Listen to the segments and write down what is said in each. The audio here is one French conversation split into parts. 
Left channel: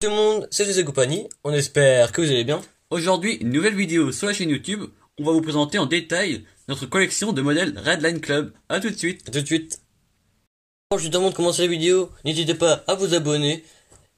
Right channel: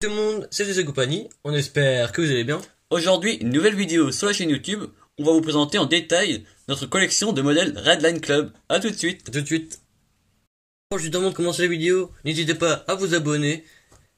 Tout le monde, c'est José Compagnie, on espère que vous allez bien. Aujourd'hui, une nouvelle vidéo sur la chaîne YouTube. On va vous présenter en détail notre collection de modèles Redline Club. A tout de suite. À tout de suite. Juste avant de commencer la vidéo, n'hésitez pas à vous abonner.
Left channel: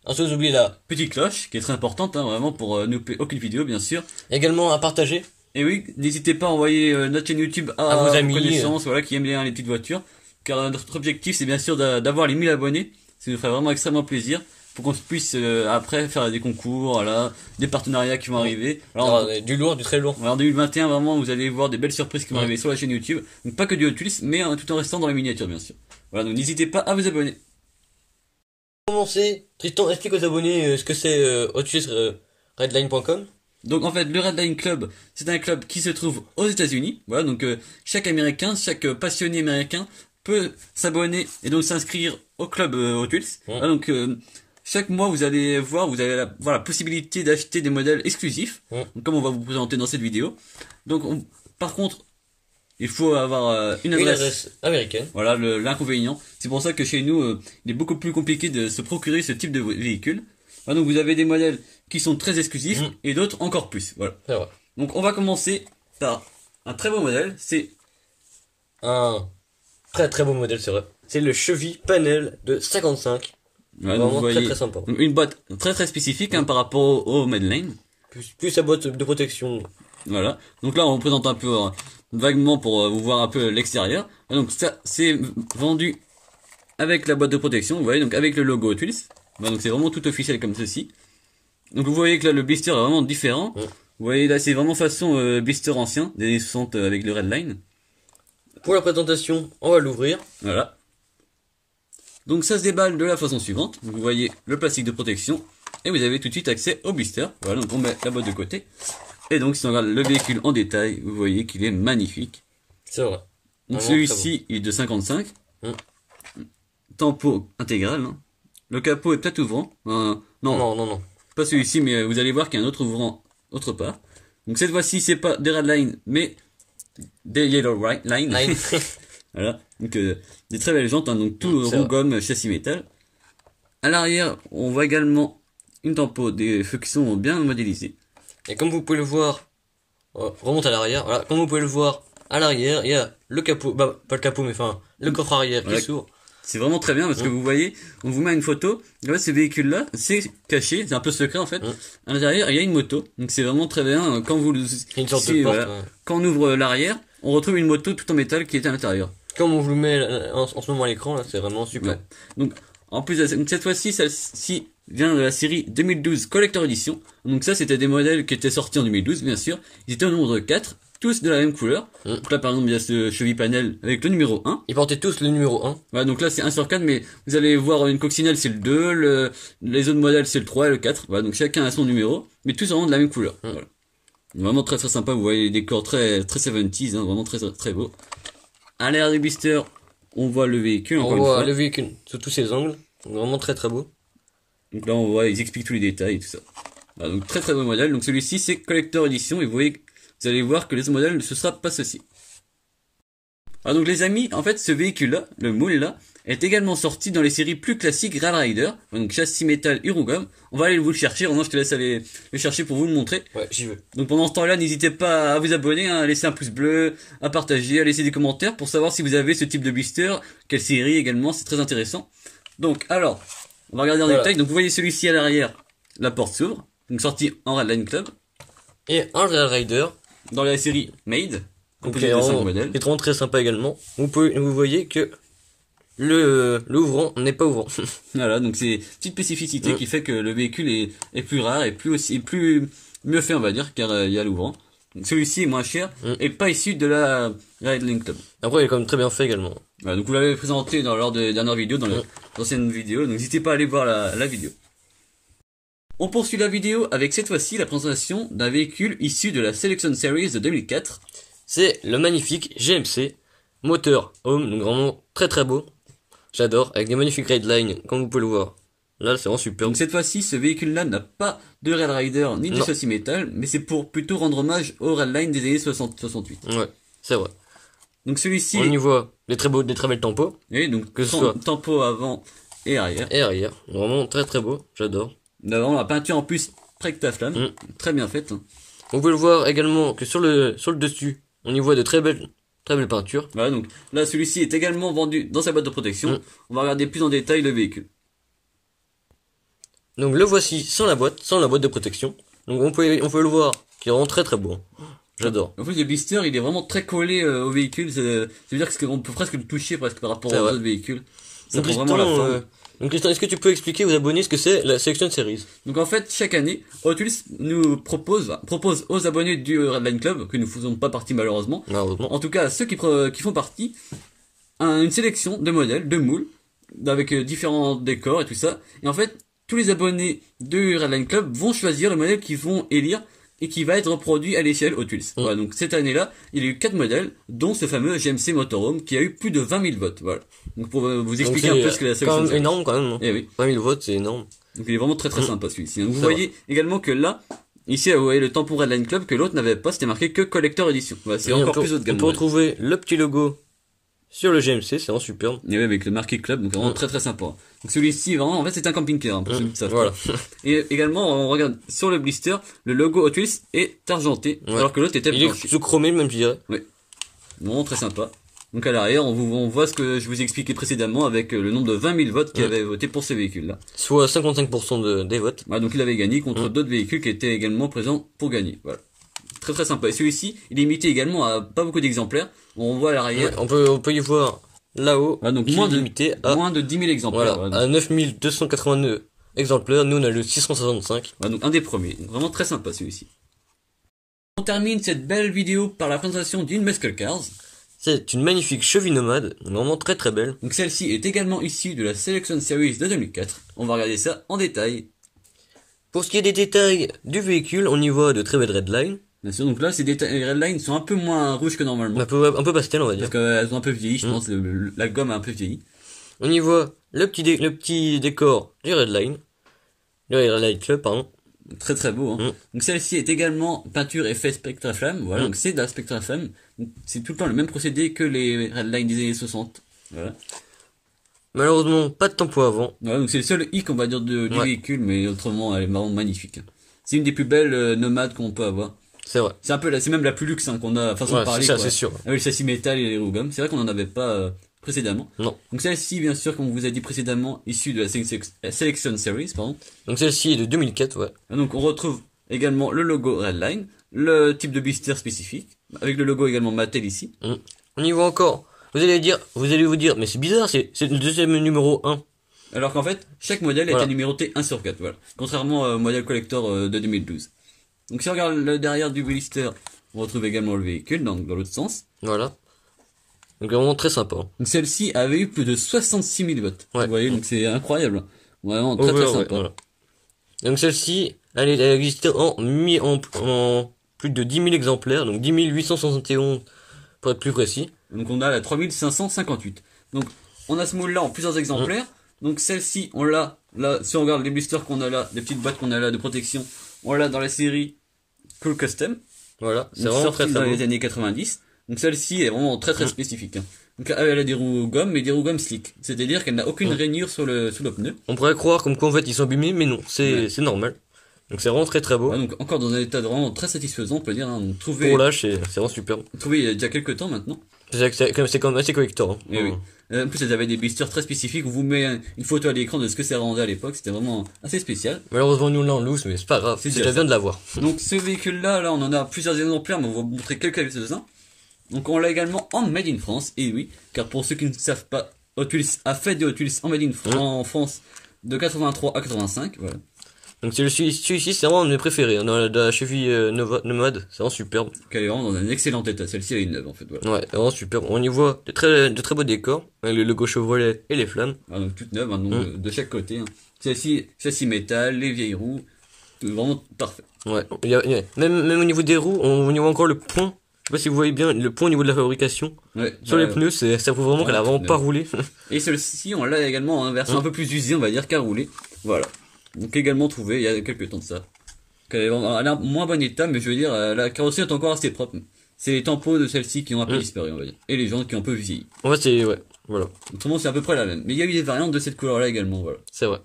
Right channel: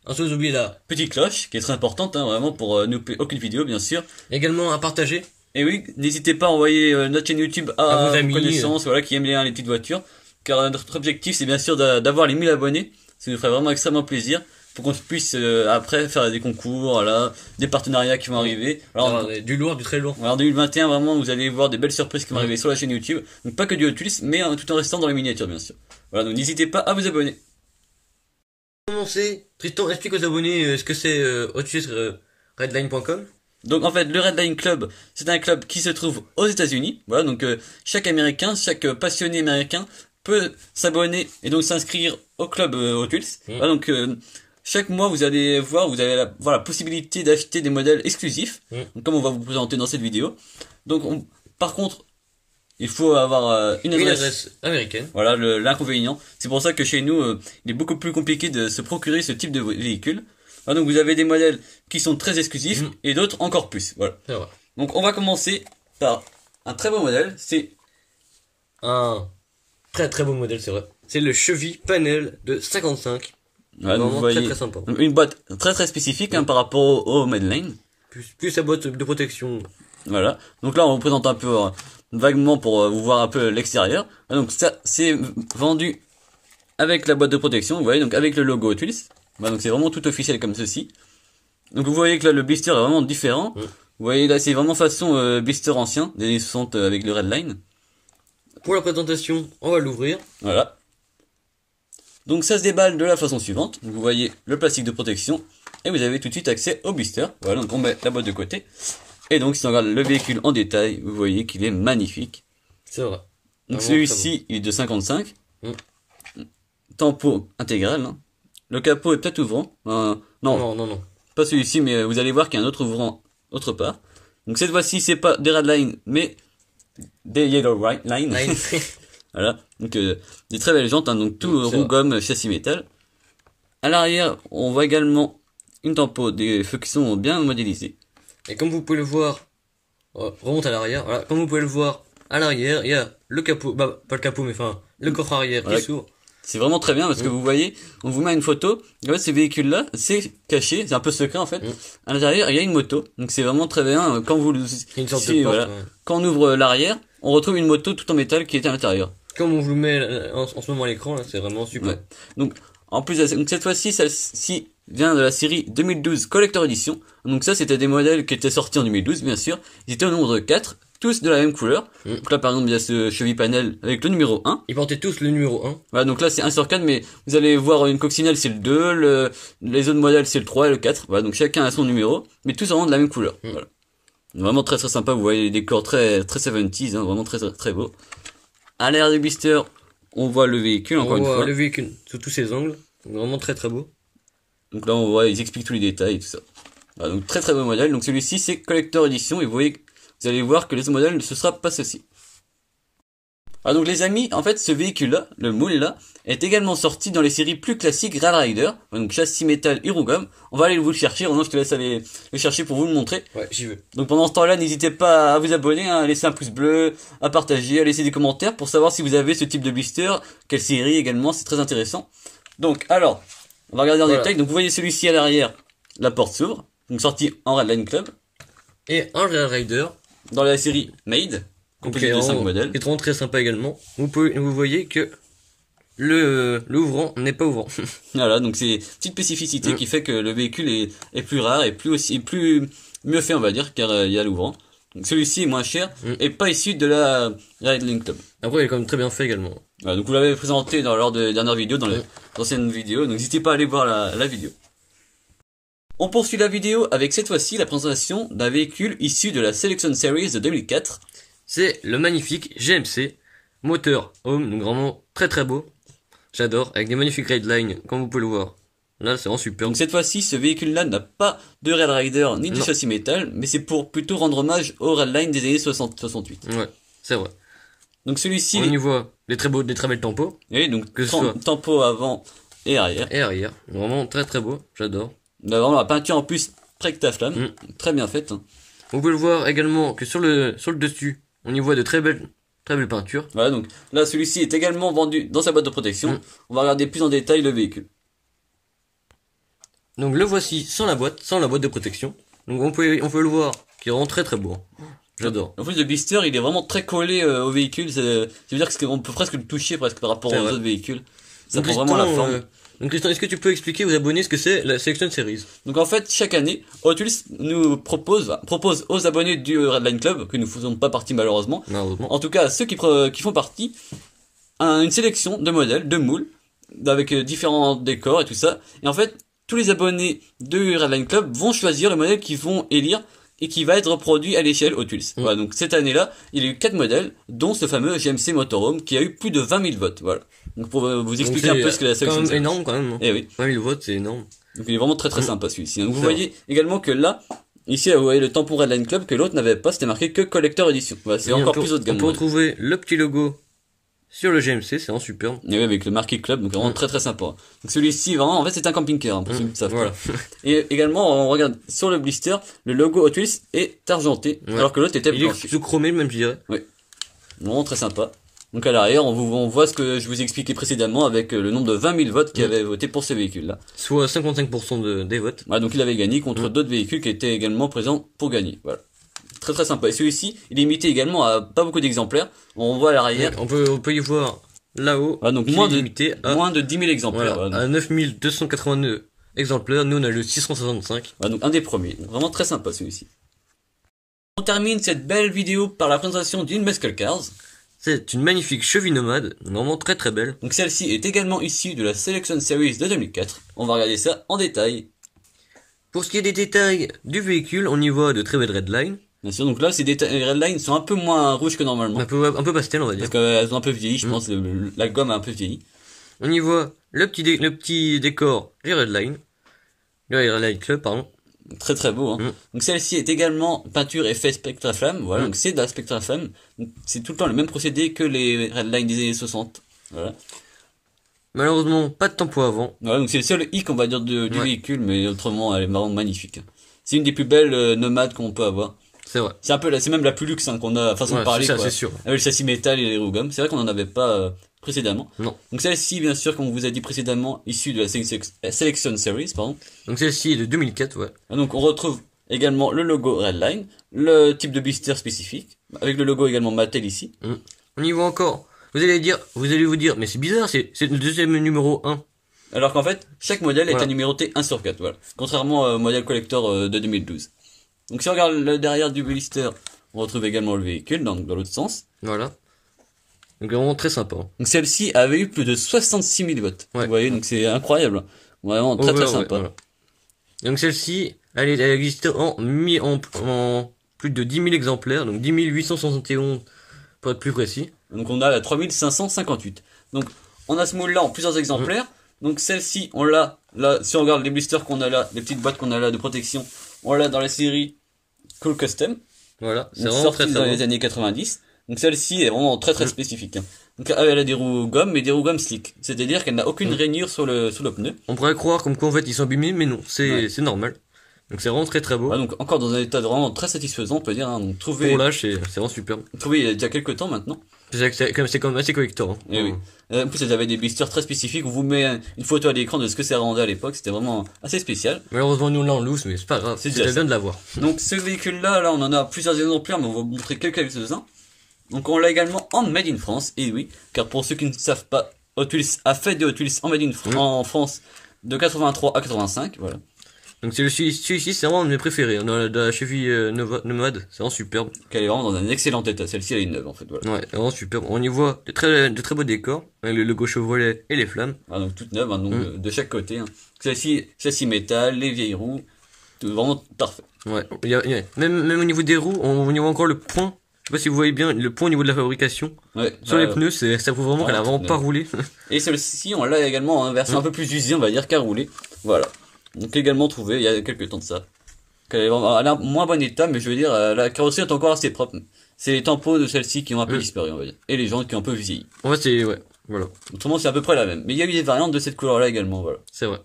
Ensuite, vous oubliez la Petite cloche, qui est très importante, vraiment, pour ne louper aucune vidéo, bien sûr. également à partager. Et oui, n'hésitez pas à envoyer notre chaîne YouTube à vos amis, connaissances, voilà, qui aiment bien les petites voitures. Car notre objectif, c'est bien sûr d'avoir les 1000 abonnés. Ça nous ferait vraiment extrêmement plaisir. Pour qu'on puisse après faire des concours, voilà, des partenariats qui vont arriver. Alors, du lourd, du très lourd. En 2021, vraiment, vous allez voir des belles surprises qui vont arriver sur la chaîne YouTube. Donc pas que du Hot Wheels, mais tout en restant dans les miniatures, bien sûr. Voilà, donc n'hésitez pas à vous abonner. Pour commencer, Tristan, explique aux abonnés ce que c'est Redline.com. Donc en fait, le Redline Club, c'est un club qui se trouve aux États-Unis. Voilà, donc chaque Américain, chaque passionné américain peut s'abonner et donc s'inscrire au club Hot Wheels. Voilà, donc chaque mois, vous allez voir, vous avez la possibilité d'acheter des modèles exclusifs, donc, comme on va vous présenter dans cette vidéo. Donc, par contre, il faut avoir une adresse américaine. Voilà l'inconvénient. C'est pour ça que chez nous, il est beaucoup plus compliqué de se procurer ce type de véhicule. Voilà, donc, vous avez des modèles qui sont très exclusifs et d'autres encore plus. Voilà. C'est vrai. Donc, on va commencer par un très beau modèle. C'est un très beau modèle, c'est vrai. C'est le Chevy Panel de 55. ouais, vraiment vous voyez, très sympa. Une boîte très spécifique par rapport au Medline. Plus sa boîte de protection. Voilà. Donc là, on vous présente un peu vaguement pour vous voir un peu l'extérieur. Donc ça, c'est vendu avec la boîte de protection. Vous voyez, donc avec le logo Hot Wheels. Voilà, donc c'est vraiment tout officiel comme ceci. Donc vous voyez que là, le blister est vraiment différent. Vous voyez là, c'est vraiment façon blister ancien, des 60 avec le Redline. Pour la présentation, on va l'ouvrir. Voilà. Donc ça se déballe de la façon suivante. Donc, vous voyez le plastique de protection et vous avez tout de suite accès au blister. Voilà, donc on met la boîte de côté. Et donc si on regarde le véhicule en détail, vous voyez qu'il est magnifique. C'est vrai. Donc celui-ci, il est de 55. Tempo intégral. Hein. Le capot est peut-être ouvrant. Non. Pas celui-ci, mais vous allez voir qu'il y a un autre ouvrant autre part. Donc cette fois-ci, c'est pas des Redline, mais des Yellow Line. Voilà, donc des très belles jantes, hein, donc tout roux gomme, châssis métal. À l'arrière, on voit également une tempo, des feux qui sont bien modélisés. Et comme vous pouvez le voir, remonte à l'arrière, voilà, comme vous pouvez le voir, à l'arrière, il y a le capot, bah pas le capot, mais enfin, le coffre arrière qui s'ouvre. C'est vraiment très bien parce que vous voyez, on vous met une photo, en fait, ce véhicule-là, c'est caché, c'est un peu secret en fait. À l'intérieur, il y a une moto, donc c'est vraiment très bien. Quand vous, une sorte de porte, quand on ouvre l'arrière, on retrouve une moto tout en métal qui est à l'intérieur. Comme on vous le met en ce moment à l'écran, là, c'est vraiment super. Ouais. Donc, en plus, donc cette fois-ci, celle-ci vient de la série 2012 Collector Edition. Donc ça, c'était des modèles qui étaient sortis en 2012, bien sûr. Ils étaient au nombre de 4, tous de la même couleur. Donc là, par exemple, il y a ce Chevy Panel avec le numéro 1. Ils portaient tous le numéro 1. Voilà, donc là, c'est 1 sur 4, mais vous allez voir une coccinelle, c'est le 2, les autres modèles, c'est le 3 et le 4. Voilà, donc chacun a son numéro, mais tous vraiment de la même couleur. Voilà. Vraiment très sympa, vous voyez les décors très 70s, hein, vraiment très beau. À l'arrière du blister, on voit le véhicule, encore une fois. On voit le véhicule sous tous ses angles, donc vraiment très beau. Donc là, on voit, ils expliquent tous les détails et tout ça. Voilà, donc très beau modèle. Donc celui-ci, c'est Collector Edition, et vous voyez, vous allez voir que les autres modèles, ce sera pas ceci. Ah donc les amis, en fait, ce véhicule-là, le moule-là, est également sorti dans les séries plus classiques Rail Rider, donc châssis métal Irugum. On va aller vous le chercher, Ronan, je te laisse aller le chercher pour vous le montrer. Ouais, j'y vais. Donc pendant ce temps-là, n'hésitez pas à vous abonner, hein, à laisser un pouce bleu, à partager, à laisser des commentaires pour savoir si vous avez ce type de blister, quelle série également, c'est très intéressant. Donc alors, on va regarder en détail. Donc vous voyez celui-ci à l'arrière, la porte s'ouvre, donc sorti en Redline Club. Et un Rail Rider dans la série Made. Composé de 5 modèles. Qui est vraiment très sympa également. Vous voyez que l'ouvrant n'est pas ouvrant. Voilà, donc c'est une petite spécificité qui fait que le véhicule est plus rare et plus mieux fait, on va dire, car il y a l'ouvrant. Donc celui-ci est moins cher et pas issu de la Redline Club. Après, il est quand même très bien fait également. Voilà, donc vous l'avez présenté lors des dernières vidéos, dans les anciennes vidéos, donc n'hésitez pas à aller voir la vidéo. On poursuit la vidéo avec cette fois-ci la présentation d'un véhicule issu de la Selection Series de 2004. C'est le magnifique GMC moteur home, donc vraiment très beau. J'adore, avec des magnifiques Redline, comme vous pouvez le voir. Là, c'est vraiment super. Donc cette fois-ci, ce véhicule-là n'a pas de Rail Rider ni de châssis métal, mais c'est pour plutôt rendre hommage au Redline des années 60-68. Ouais, c'est vrai. Donc celui-ci... On y voit des très belles tampos. Oui, donc que ce soit tampos avant et arrière. Et arrière, vraiment très beau, j'adore. On a vraiment la peinture en plus Spectraflamme, très bien faite. Hein. On peut le voir également que sur le dessus, on y voit de très belles peintures. Voilà, donc là celui-ci est également vendu dans sa boîte de protection. On va regarder plus en détail le véhicule. Donc le voici sans la boîte de protection. Donc on peut le voir, qui rend très beau. J'adore. En plus le blister il est vraiment très collé au véhicule, ça veut dire qu'on peut presque le toucher presque par rapport aux autres véhicules. Ça prend vraiment la forme. Donc Tristan, est-ce que tu peux expliquer aux abonnés ce que c'est la Selection Series? Donc en fait, chaque année, Hot Wheels nous propose aux abonnés du Redline Club, que nous ne faisons pas partie malheureusement, en tout cas ceux qui font partie, une sélection de modèles, de moules, avec différents décors et tout ça. Et en fait, tous les abonnés du Redline Club vont choisir le modèle qu'ils vont élire et qui va être reproduit à l'échelle Hot Wheels. Voilà, donc cette année-là, il y a eu 4 modèles, dont ce fameux GMC Motorhome qui a eu plus de 20 000 votes. Voilà. Donc pour vous expliquer un peu ce que la sélection. C'est énorme quand même. Eh oui. 20 000 votes, c'est énorme. Donc il est vraiment très sympa celui-ci. Donc vous voyez également que là, ici vous voyez le tampon Redline Club que l'autre n'avait pas, c'était marqué que Collector Edition. Voilà, c'est encore plus haut de gamme. On peut retrouver le petit logo sur le GMC, c'est vraiment superbe. Et oui, avec le marqué club, donc vraiment très sympa. Donc celui-ci, vraiment, en fait, c'est un camping-car, hein, pour ceux qui ne savent pas. Et également, on regarde sur le blister, le logo Hot Wheels est argenté, alors que l'autre était blanchi. Il est chromé, même, je dirais. Oui. Vraiment très sympa. Donc à l'arrière, on voit ce que je vous ai expliqué précédemment avec le nombre de 20 000 votes qui avaient voté pour ce véhicule-là. Soit 55% des votes. Voilà, donc il avait gagné contre d'autres véhicules qui étaient également présents pour gagner. Voilà. Très sympa. Et celui-ci, il est limité également à pas beaucoup d'exemplaires. On voit à l'arrière. On peut y voir là-haut. Donc moins de 10 000 exemplaires. Voilà, à 9 289 exemplaires. Nous, on a le 665. Donc un des premiers. Donc vraiment très sympa celui-ci. On termine cette belle vidéo par la présentation d'une Muscle Cars. C'est une magnifique cheville nomade, vraiment très belle. Donc celle-ci est également issue de la Selection Series de 2004. On va regarder ça en détail. Pour ce qui est des détails du véhicule, on y voit de très belles redlines. Bien sûr, donc là, les redlines sont un peu moins rouges que normalement. Un peu pastel, on va dire. Parce qu'elles ont un peu vieilli, je pense, la gomme a un peu vieilli. On y voit le petit décor du Redline. Le Redline Club, pardon. Très beau, hein. Donc celle-ci est également peinture effet Spectraflamme, voilà, donc c'est de la Spectraflamme. C'est tout le temps le même procédé que les Redline des années 60. Voilà. Malheureusement, pas de tempo avant. Voilà, donc c'est le seul hic, on va dire, du véhicule, mais autrement, elle est vraiment magnifique. C'est une des plus belles nomades qu'on peut avoir. C'est vrai. C'est même la plus luxe, hein, qu'on a, façon de parler, ça, quoi. C'est sûr. Avec le châssis métal et les roues gomme. C'est vrai qu'on en avait pas, précédemment. Non. Donc celle-ci, bien sûr, comme on vous a dit précédemment, issue de la Selection Series, pardon. Donc celle-ci est de 2004, ouais. Donc on retrouve également le logo Redline, le type de blister spécifique, avec le logo également Mattel ici. On y voit encore. Vous allez vous dire, mais c'est bizarre, c'est le deuxième numéro 1. Alors qu'en fait, chaque modèle est numéroté 1 sur 4, voilà. Contrairement au modèle collector de 2012. Donc si on regarde le derrière du blister, on retrouve également le véhicule, dans l'autre sens. Voilà. Donc vraiment très sympa. Donc celle-ci avait eu plus de 66 000 votes. Ouais. Vous voyez, donc c'est incroyable. Vraiment très sympa. Voilà. Donc celle-ci, elle existe en plus de 10 000 exemplaires, donc 10 871 pour être plus précis. Donc on a la 3558. Donc on a ce moule-là en plusieurs exemplaires. Donc celle-ci, on l'a, là, si on regarde les blisters qu'on a là, les petites boîtes qu'on a là de protection, on l'a dans la série Cool Custom. Voilà, c'est vraiment très dans bon. les années 90. Donc celle-ci est vraiment très spécifique. Hein. Donc elle a des roues gomme, mais des roues gomme slick. C'est-à-dire qu'elle n'a aucune rainure sur le pneu. On pourrait croire comme quoi en fait ils sont abîmés, mais non, c'est normal. Donc c'est vraiment très beau. Voilà, donc encore dans un état vraiment très satisfaisant, on peut dire. Hein. Donc trouvé. Pour l'âge, c'est vraiment superbe. Trouvé il y a déjà quelques temps maintenant. C'est quand même assez collector. Hein. Et oui. En plus, elles avaient des blisters très spécifiques. On vous met une photo à l'écran de ce que ça rendait à l'époque. C'était vraiment assez spécial. Malheureusement, nous là on loose, mais c'est pas grave. C'est déjà bien de l'avoir. Donc ce véhicule-là, là, on en a plusieurs exemplaires, mais on va vous montrer quelques-uns. Donc on l'a également en Made in France. Et oui, car pour ceux qui ne savent pas, Hot Wheels a fait des Hot Wheels en Made in en France de 83 à 85. Voilà. Donc celui-ci, c'est vraiment un de mes préférés. Dans la cheville nomade, c'est vraiment superbe. Elle est vraiment dans un excellent état. Celle-ci, elle est neuve en fait. Voilà. Ouais, vraiment superbe. On y voit de très beaux décors, avec le logo Chevrolet et les flammes. Ah, donc toute neuve, hein, donc, de chaque côté. Hein. Celle-ci, châssis métal, les vieilles roues, vraiment parfait. Ouais, même au niveau des roues, on y voit encore le pont. Je sais pas si vous voyez bien le pont au niveau de la fabrication. Ouais, sur les pneus, ça prouve vraiment qu'elle a vraiment pas roulé. Et celle-ci, on l'a également en version un peu plus usée, on va dire, qu'à rouler. Voilà. Donc également trouvé il y a quelques temps de ça. Elle est en moins bon état, mais je veux dire, la carrosserie est encore assez propre. C'est les tampons de celle-ci qui ont un peu disparu, on va dire. Et les jantes qui ont un peu vieilli. Ouais, voilà. Autrement, c'est à peu près la même. Mais il y a eu des variantes de cette couleur-là également, voilà. C'est vrai.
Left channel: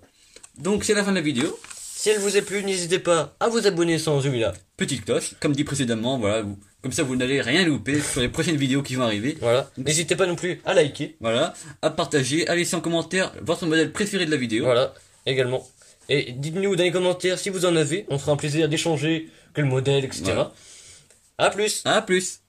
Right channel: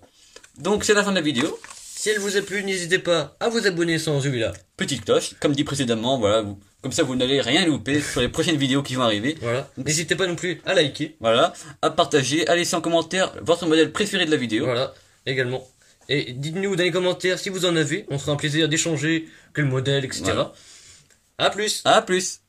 Donc c'est la fin de la vidéo. Si elle vous a plu, n'hésitez pas à vous abonner sans celui-là. Petite cloche, comme dit précédemment, voilà, comme ça vous n'allez rien louper sur les prochaines vidéos qui vont arriver. Voilà. N'hésitez pas non plus à liker. Voilà, à partager, à laisser en commentaire votre modèle préféré de la vidéo. Voilà, également. Et dites-nous dans les commentaires si vous en avez, on fera un plaisir d'échanger quel modèle, etc. Voilà. À plus. À plus.